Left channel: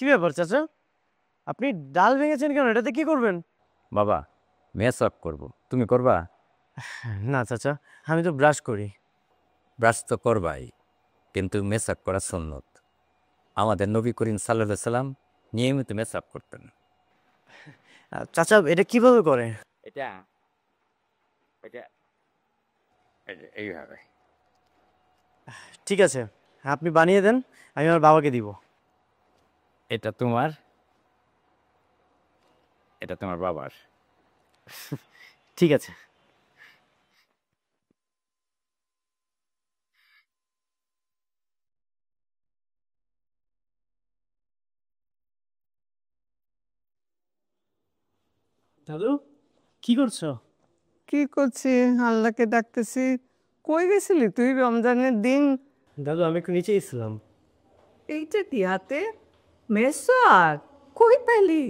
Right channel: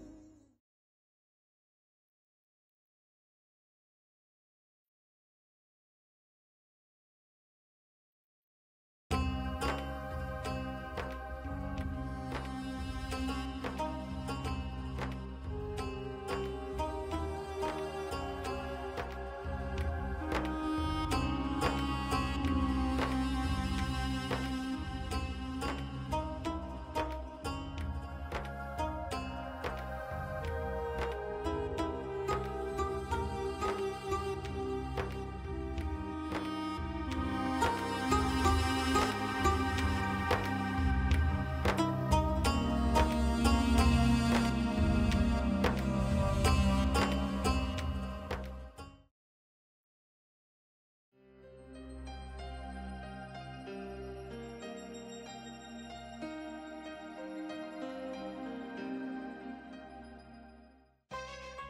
কি ব্যাপার চাচা, আপনি ডাল ভেঙেছেন কেন? এটাতে কি করবেন? বাবা মেসওয়াক করব, তুমি করবা? না চাচা, আমি তো ব্রাশ করি। ব্রাশ তো করবাই, কিন্তু মেসওয়াক করা সুন্নত। আমাদের নবী করিম সাল্লাল্লাহু আলাইহি সাল্লাম নিয়মিত মেসওয়াক করতেন। চাচা এটা কিভাবে করে? ঠিক আছে, আপনি বানিয়ে দেন, আমি আমার বাবাকে দিব। এটা তোমার, এটা তোমার বাবার। ঠিক আছে। দাদু কি করছো? কি করছি? আল্লাহকে ডাকতেছি। কই গেছিলি তুই রমজানের দিন? দাদু আমি একটু নিচে এসেছিলাম। এইটা কি হাতে? মেসওয়াক কই পেলি?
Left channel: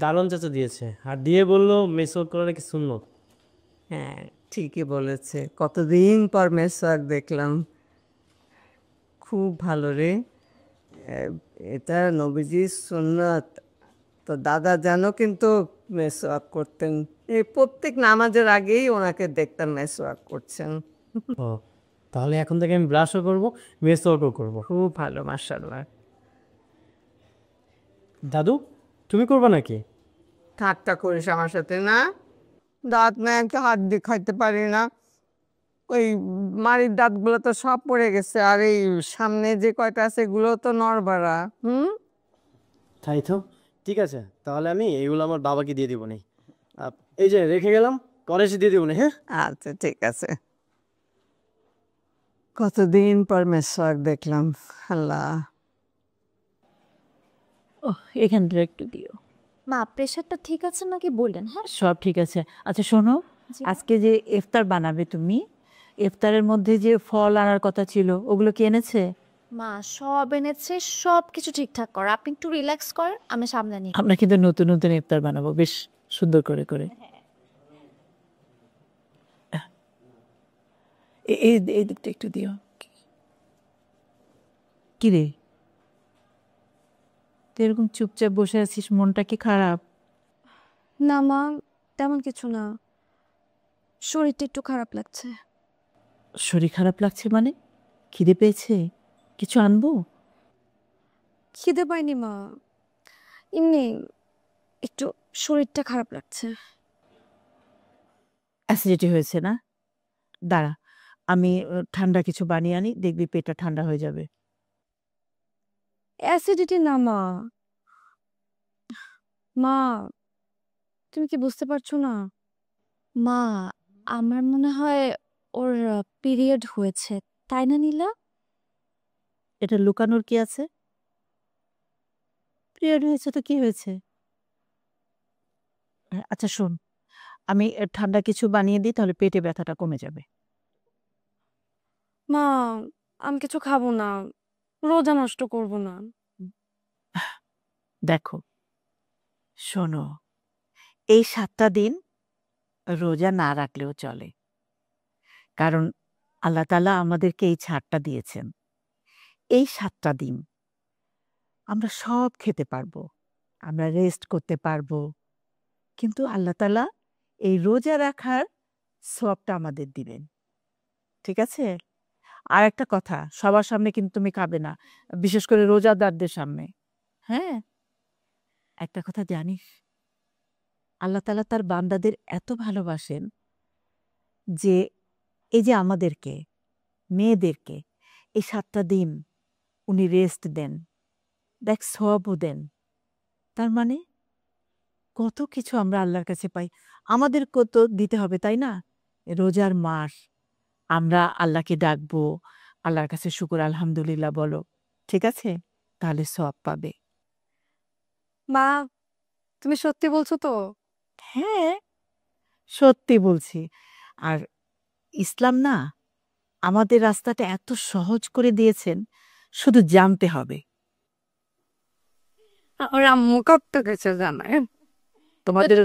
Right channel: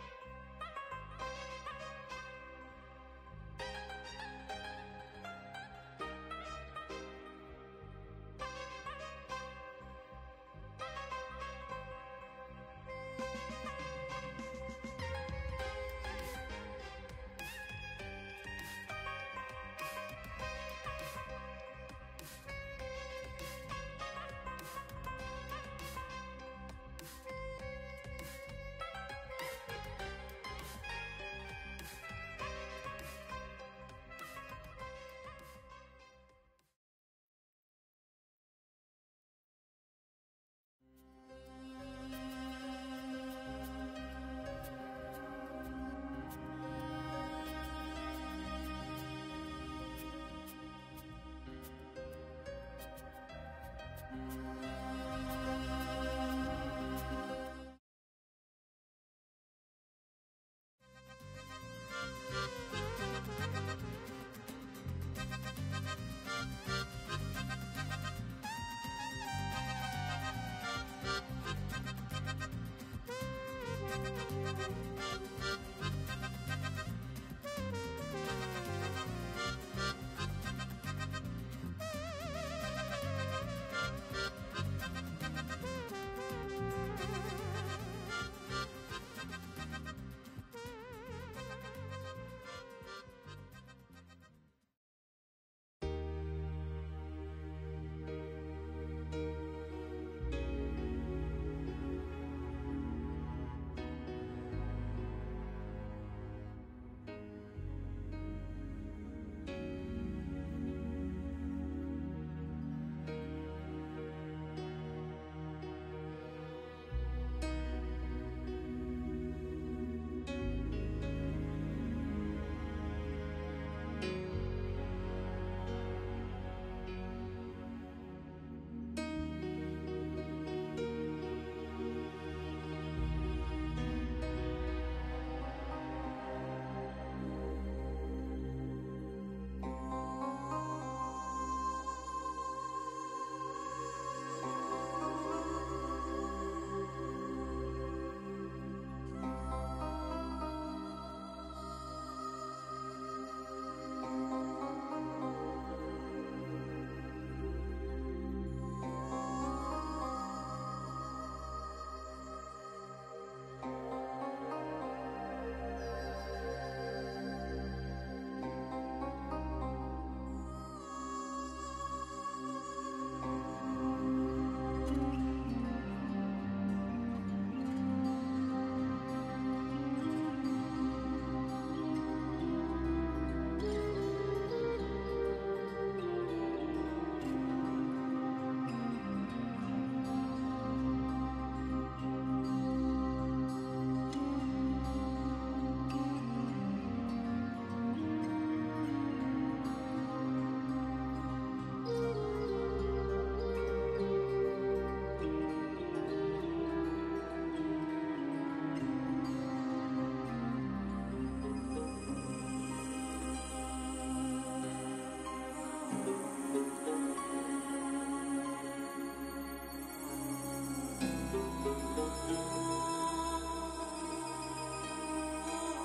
দারুণ চাচা দিয়েছে, আর দিয়ে বললো মেসওয়াক করা নাকি সুন্নত। হ্যাঁ ঠিকই বলেছে, কতদিন পর মেসওয়াক দেখলাম। খুব ভালো রে। এটা নবীজির সুন্নাত। তো দাদা জানো কিন্তু মেসওয়াক করতেন, এই প্রত্যেক নামাজের আগেই ওনাকে দেখতাম মেসওয়াক করছেন। ও, তাহলে এখন থেকে আমি ব্রাশও করবো, মেসওয়াকও করবো। খুব ভালো, মাশাআল্লাহ। দাদু তুমি করবা নাকি? ঠাট্টা করিস আমার সাথে না? দাঁত না একটা হাত দিয়ে খাইতে পারি না। ওই মাড়ির দাঁতগুলো তো সব পড়ে গেছে, আর এই সামনে যে কয়টা আছে এগুলো তো নড়বড়া। তাই তো, ঠিক আছে, তাহলে আমি এইগুলো আমার বাবাকে দিয়ে দিব নি। এই যে রেখে গেলাম, পরে এসে দিয়ে দিব নি। হ্যাঁ আচ্ছা ঠিক আছে। কতদিন পর মেসওয়াক দেখলাম। আল্লাহ। ও, এখানটা একটু দিও। মা প্রেশারটা ঠিক আছে নাকি বললেন? হ্যাঁ সব ঠিক আছে। আচ্ছা শোনো, আজকে যে ইফতার বানাবে তুমি, ইফতারের মধ্যে যে ফল আনার কথা ছিল ওগুলো কি এনেছে? মা সব এনেছে, সব কিছু ঠিকঠাক কর, আপনি একটু রিল্যাক্স করেন, আমি সামনে নিই। আমরা কিন্তু নতুন নতুন ইফতার বানাবো বেশ সুন্দর করে করে। এই দিকটা একটু দিও। কি রে, তুই এরকম চুপচাপ বসে আছিস, মনটা কি খারাপ? না মা, তেমন কিছু না, শরীরটা একটু খারাপ লাগছে। শরীর খারাপ লাগছে মানে? খিদে পেয়েছে? কিছু আনবো? খিদে পাইনি মা, এমনি একটু শরীরটা খারাপ লাগছে। অ্যাসিডিটি হয়েছে না? দাঁড়া, আমি ঠান্ডা কিছু বানিয়ে আনি, দেখবি পেটটা ঠান্ডা হয়ে যাবে। অ্যাসিডিটি না মা। মা তুমি কি বুঝতে পারছো না? মা আমার মনে হয় ওর পিরিয়ড হয়েছে, তাই না নীলা? এটা লুকানোর কি আছে? পিরিয়ড হয়েছে তো কি হয়েছে? আচ্ছা শোন, আমি ঠান্ডা কিছু বানিয়ে দিই, তাহলে পেটে ব্যথাটা কমে যাবে। মা আমি কিছু খাবো না, রোজা নষ্ট করব না। দেখো শোনো, এই 7টা দিন রোজা না রাখলেও চলে, কারণ আল্লাহ তাআলা আমাদেরকে এই ছাড়টা দিয়েছেন। এই 7টা দিন আমরা সব খেতে পারবো, আমরা রেস্ট করতে পারবো, কিন্তু আল্লাহ তাআলা এই রোজা রাখার সওয়াবটা আমাদের দিবেন। ঠিক আছে? আর একটা কথা, সবার সামনে কিন্তু তুমি খাবে না, বিশেষ করে রোজাদারদের সামনে। হ্যাঁ, একটা কথা জানিস, আল্লাহ তাআলা তার বান্দাদের এত ভালোবাসেন যে এই যে আমাদেরকে, মেয়েদেরকে এই 7টা দিন উনি রেস্ট দেন, দেখ সওয়াবও দেন। তার মানে কত কিছু আমরা আল্লাহর কাছে পাই, আমাদের কত দিতে হবে, তাই না? রোজার মাস, আমরা আল্লাহকে ডাকবো, আল্লাহর কাছে শুকর আলহামদুলিল্লাহ বলো, ঠিক আছে? তাহলে সওয়াব পাবে। মা তুমি সত্যি বলছো তো? হ্যাঁ সত্যি বলছি। আর ইসলাম না আমাদের রাস্তাটা এত সহজ করে দিয়েছেন, শুধু জানতে হবে। আমার আম্মু কত কিছু জানায়।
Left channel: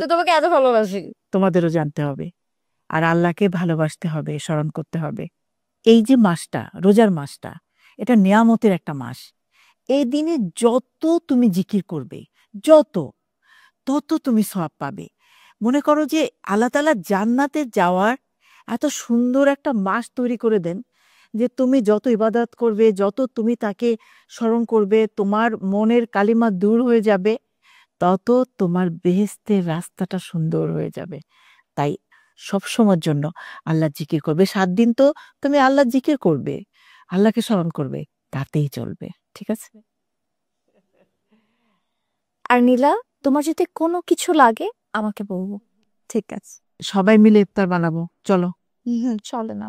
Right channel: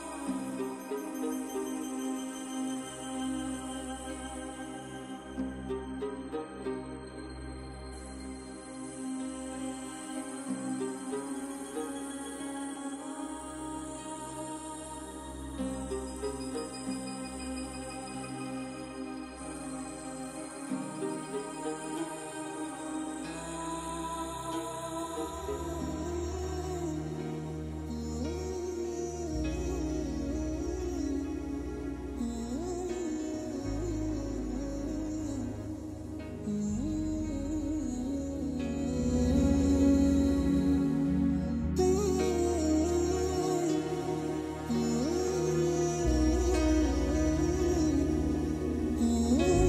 তোমাকে এত ভালোবাসি। তোমাদেরও জানতে হবে, আর আল্লাহকে ভালোবাসতে হবে, স্মরণ করতে হবে। এই যে মাসটা, রোজার মাসটা, এটা নিয়ামতের একটা মাস। এই দিনে যত তুমি জিকির করবে, তত তুমি সওয়াব পাবে। মনে করো যে আল্লাহ তাআলা জান্নাতে যাওয়ার এত সুন্দর একটা মাস তৈরি করে দেন যে তুমি যত ইবাদত করবে, যত তুমি তাকে স্মরণ করবে, তোমার মনের কালিমা দূর হয়ে যাবে, তত তোমার বেহেশতের রাস্তাটা সুন্দর হয়ে যাবে। তাই সবসময়ের জন্য আল্লাহর জিকির করবে। 7 দিন তো তুমি আল্লাহর জিকির করবে, আল্লাহকে স্মরণ করবে, তাতেই চলবে। ঠিক আছে? আর নীলা, তোমার যদি কোনো কিছু লাগে আমাকে বলবো। ঠিক আছে। সবাই মিলে ইফতার বানাবো, চলো। চলো না।